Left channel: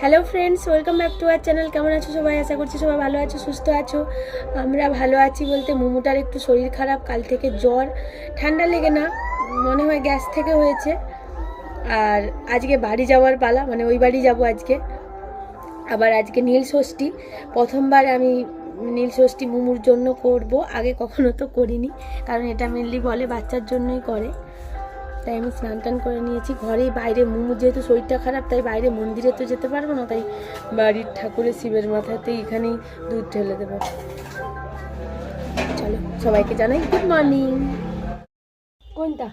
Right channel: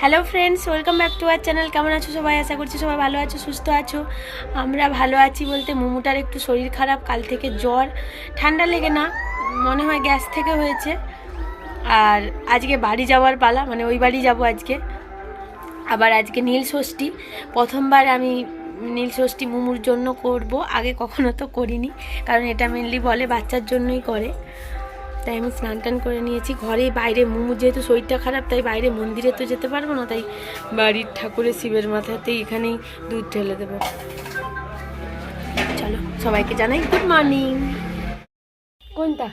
Hello friends welcome back to our channel কেমন আছো সবাই? আশা করছি সবাই ভালো আছো, সুস্থ আছো। আমরা ভালো আছি বলতে মোমোটার একটু শরীর খারাপ, কাল থেকে জ্বর। ঠান্ডা লেগে না, মনে হয় গ্যাস থেকে হয়েছে। আর আজকে বাড়ি যাওয়ার পালা মানে ওই বাড়ি যাব আজকে। আবার আজকে নীল ষষ্ঠী। প্রথমবার আমি নীল ষষ্ঠী মুমুর জন্য করব, আগে কখনো তো করিনি। কারণ এটা মেনলি বলে বাচ্চার জন্যই করে। তাই আমি স্নান টান করে নিয়েছি। ঘরে বাইরে মুমুর যেহেতু শরীরটা খারাপ, তাই বাইরে মন্দিরে তো যেতে পারব না, তাই বাড়ির ঠাকুরের শিবের মাথাতেই এখানেই দুধ ঢেলে দেবো। চলো, সবাইকে জানাই গুড মর্নিং কোনটা?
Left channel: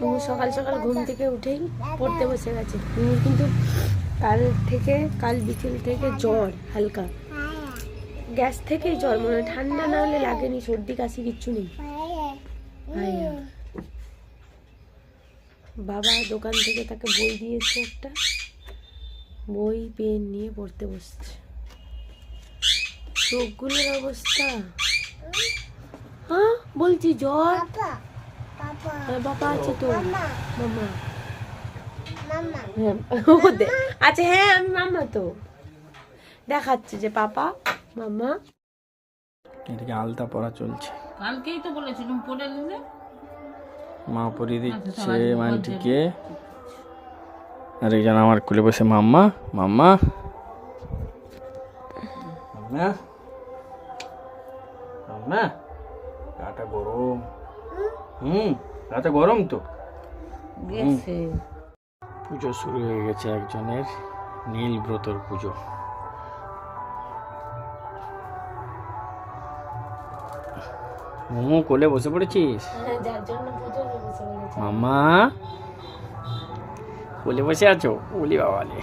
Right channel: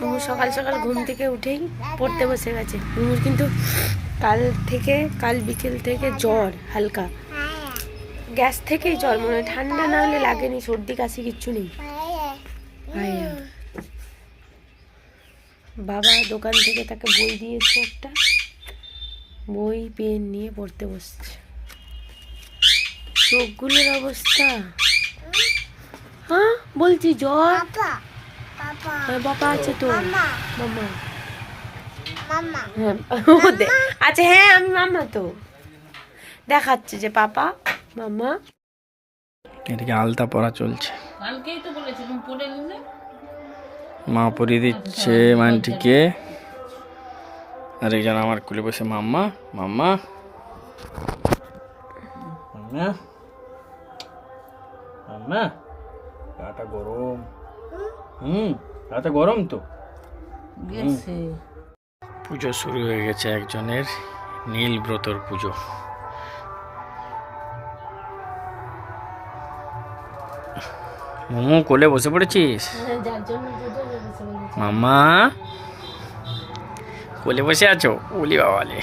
মুমু সকাল সকাল ঘুম থেকে উঠেই পড়তে বসে গেছে। মুমুর কিন্তু কাল থেকে, কাল বিকেল থেকে জ্বর হালকা। গ্যাস থেকেই জ্বর মনে হয় ঠান্ডা না হলে লাগেনি সর্দি কাশি কিচ্ছু নেই। বাবা দোকান থেকে তাকে বই দিয়েছে একটা। বই পেন নিয়ে পড়তে বসছে। চোখগুলোর অবস্থা। হ্যাঁ বলছি জ্বর? হ্যাঁ, বাবা আছে তো। মামা। হ্যাঁ আচ্ছা হ্যাঁ আমি মামা তো। দেখাচ্ছে যে পাপা মামা। এদিকে আলতা পরা চলছে। কালকেই তো বলেছিলাম নিলে মা পরিয়ে দিচ্ছে মানটিকে আর একজন আমার কুলে বসে মাম্মা মাম্মা। মাম্মা। মাম্মা গাটা গরম। হুম গাটা গরম তো। পুজো শুরু হয়ে গেছে একজনের নীল ব্রতর পুজো। মোমো কোলে বসে পড়েছিস? হ্যাঁ। মামা কোলে বসে আছো? ওলি বাবালে।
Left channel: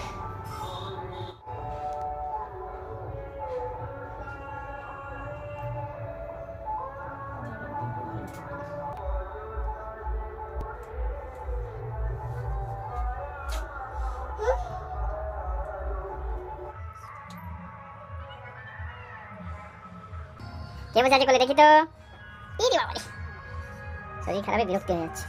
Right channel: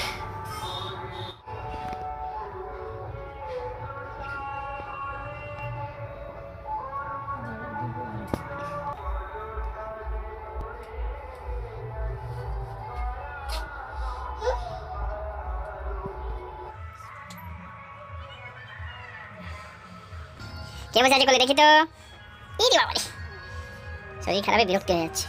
কে বসে আছে কোলে? দেখি তো। ইরি বাবারে শরীর খারাপে বিরক্ত হয়ে যাচ্ছে।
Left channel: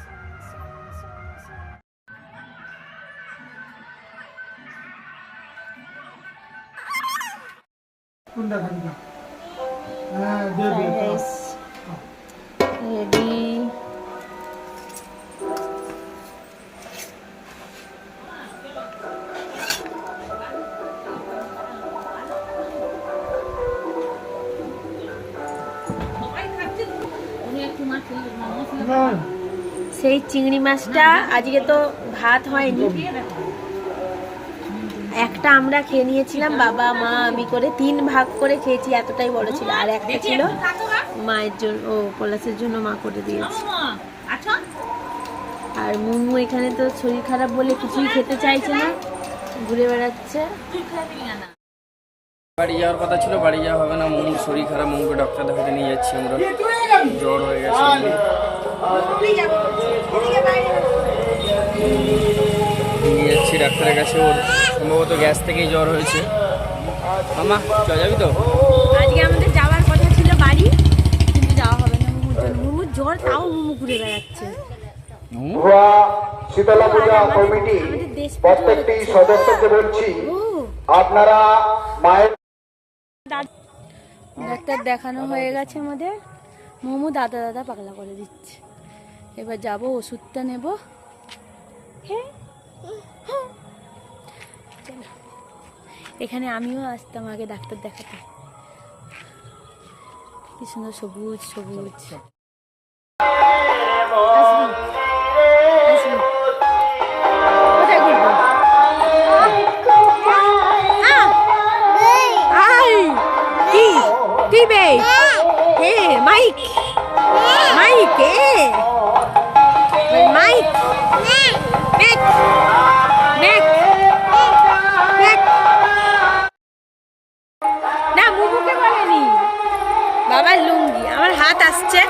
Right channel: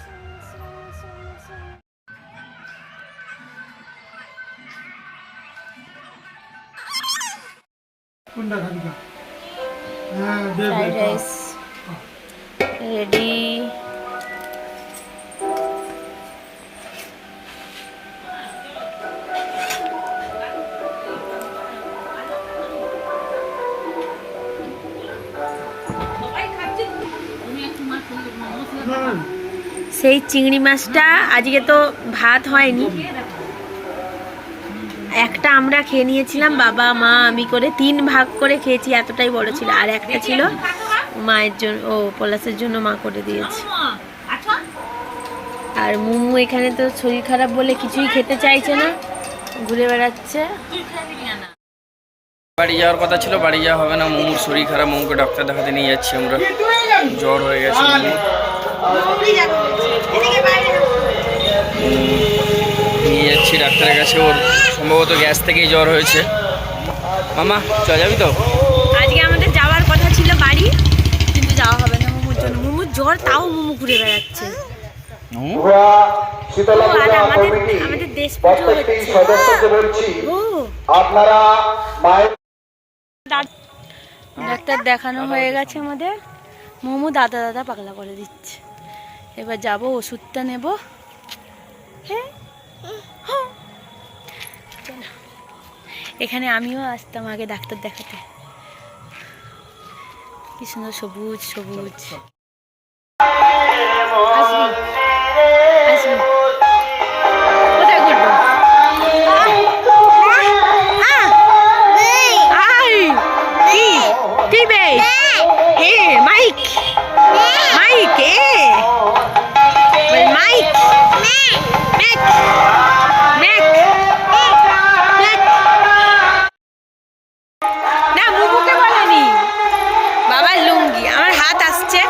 ফ্রাইড রাইস রেডি সেই চিংড়ি মাছটা আজকে তো ভাত হয়নি। একটা আমরা খেয়ে নিয়েছিলাম, বাবা, মা, আমি করে তিন ভাগ করে খেয়েছি, এতটাই বড় ছিল। আর একটা ছিল মায়ের জন্য, ও পলাশের জন্য মা করে দিয়েছে। আর মুমু এখানে তো শরীর খারাপ বলে কিছুই খেতে চাইছে না, ঘুরে বেড়াচ্ছে। বাড়ি যাওয়ার কথা ছিল, বাড়ি যাওয়া হবে না। মোমোর শরীর খারাপ মোমোকে ডাক্তার দেখাতে নিয়ে যাচ্ছি আমরা। জ্বর হয়ে গেছে। নিয়ে যাচ্ছি ডাক্তারের কাছে ওর সম্ভবত গ্যাস থেকেই জ্বর হয়েছে। মামা চল যাবি তো? আজকে আমাদের যাওয়ার কথা ছিল বাড়ি কিন্তু যাওয়া হবে না মুমুর জন্য। মুমুর জ্বর তাও মুমু ঘুরে বেড়াচ্ছে। ডাক্তার দেখানো হয়ে গেছে আমাদের। মোমো দাদা দাদা পাগলা করে দিচ্ছে। এবার যাব ওষুধটা নেব। হ্যাঁ। চলো। এখানে আমিও আসতাম আগে ডাক্তার দেখাতে। কি সুন্দর সবুজ সবুজ। আসবি? আসবি? কোথায় বাবার লুঙ্গি। আমার হাত আসছে।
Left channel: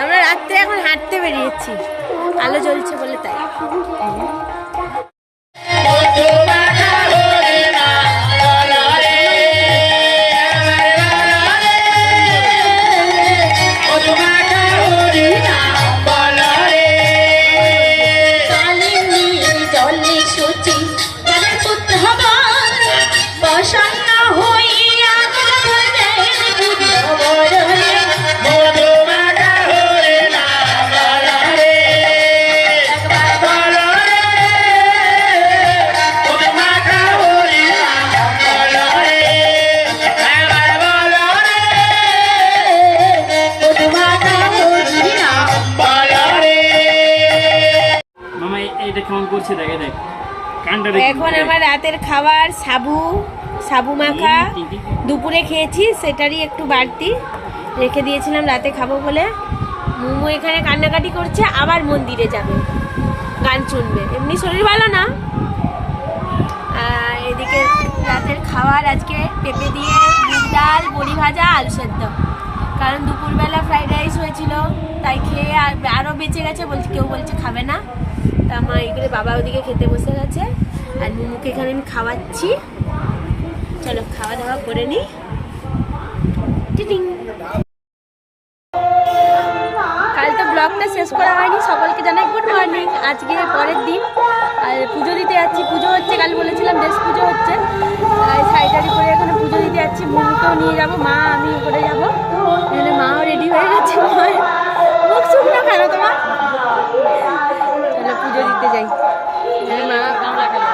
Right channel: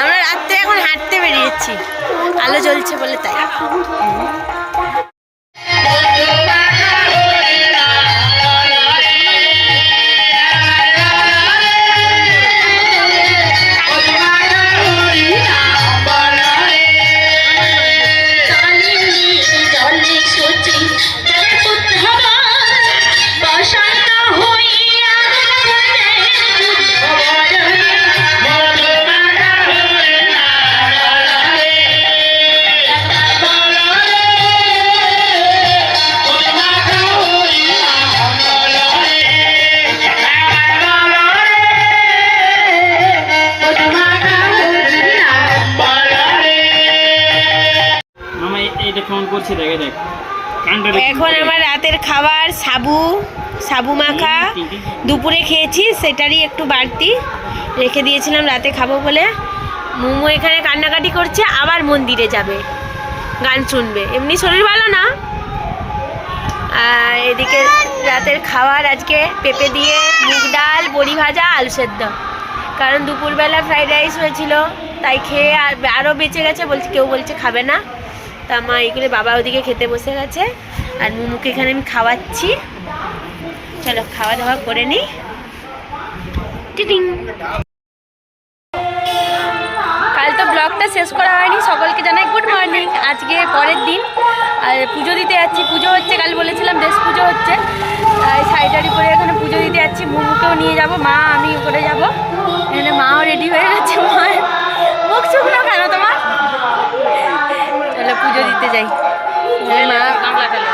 আমরা রাত্রে এখন হাঁটতে বেরিয়েছি। আলো জ্বলছে বলে তাই। কেমন করছে দেখে দেখ। এখন আমার রাতের খাবার সাবু সাবু মাখা। দুপুরে খেয়েছি সেটারই একটু বাড়তি। রেখে দিয়েছিলাম রাতে খাব বলে। মোমো এখানে কান্নাকাটি করছে আবার মন্দিরে যাবে। গান শুনবে। এমনি শরীর ভালো না? আর এদিকে রাতের খাবার আজকে পেঁপে দিয়ে মুগ ডাল বড়ি ভাজা আলু সেদ্ধ। কারণ দুপুরবেলা ফ্রাইড রাইস হয়েছিল তাই খেয়ে আর আরও বেঁচে গেছে বলছে কেউ বলছে খাবে না। তা মা এগুলো বাবা ওদিকে খেতে বসে গেছে। আর মুমুকে এখানে আমি খাওয়াচ্ছি। চলো খাওয়া দাওয়া করে নিই। কাল তো ব্লগটা শেষ করা হয়নি। সকলকে জানাই গুড মর্নিং আজকে পরের দিন। আর পুজো দিতে যাচ্ছি। পুজো হচ্ছে, কাল বলেছিলাম দেশ পুজো হচ্ছে। তাই শাড়ি করে এখানে পুজো দিতে যাচ্ছি। মুমুকেও নিয়ে যাব, মা, আমি করে যাব। এখানে মাও রেডি হয়ে গেছে মা মুখ শুকনো কেন তোমার চলো পুজো দিতে যাই। মা গামলা খেলে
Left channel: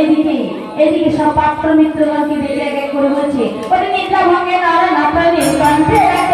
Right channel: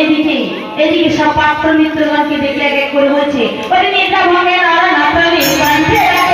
এদিকে এদিকে সব পাত্র মিত্রগণকে দেখে এক করে বলছে নিদ্রা ভঙ্গে নারা না কান্তে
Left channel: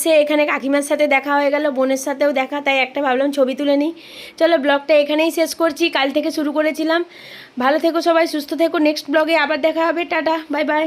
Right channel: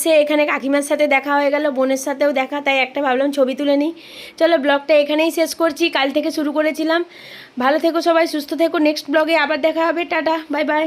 এসে এখানে কাকিমার সাথে দেখা হয়ে গেল, বোনের সাথেও দেখা, তাই একটা ভাবলাম ছবি তুলে নিই। চলো ব্লগটা এখানেই শেষ করছি, কাল থেকে শুরু করেছিলাম। ভালো থেকো সবাই, সুস্থ থেকো, নেক্সট ব্লগে আবার দেখা হবে, টাটা, বাই বাই।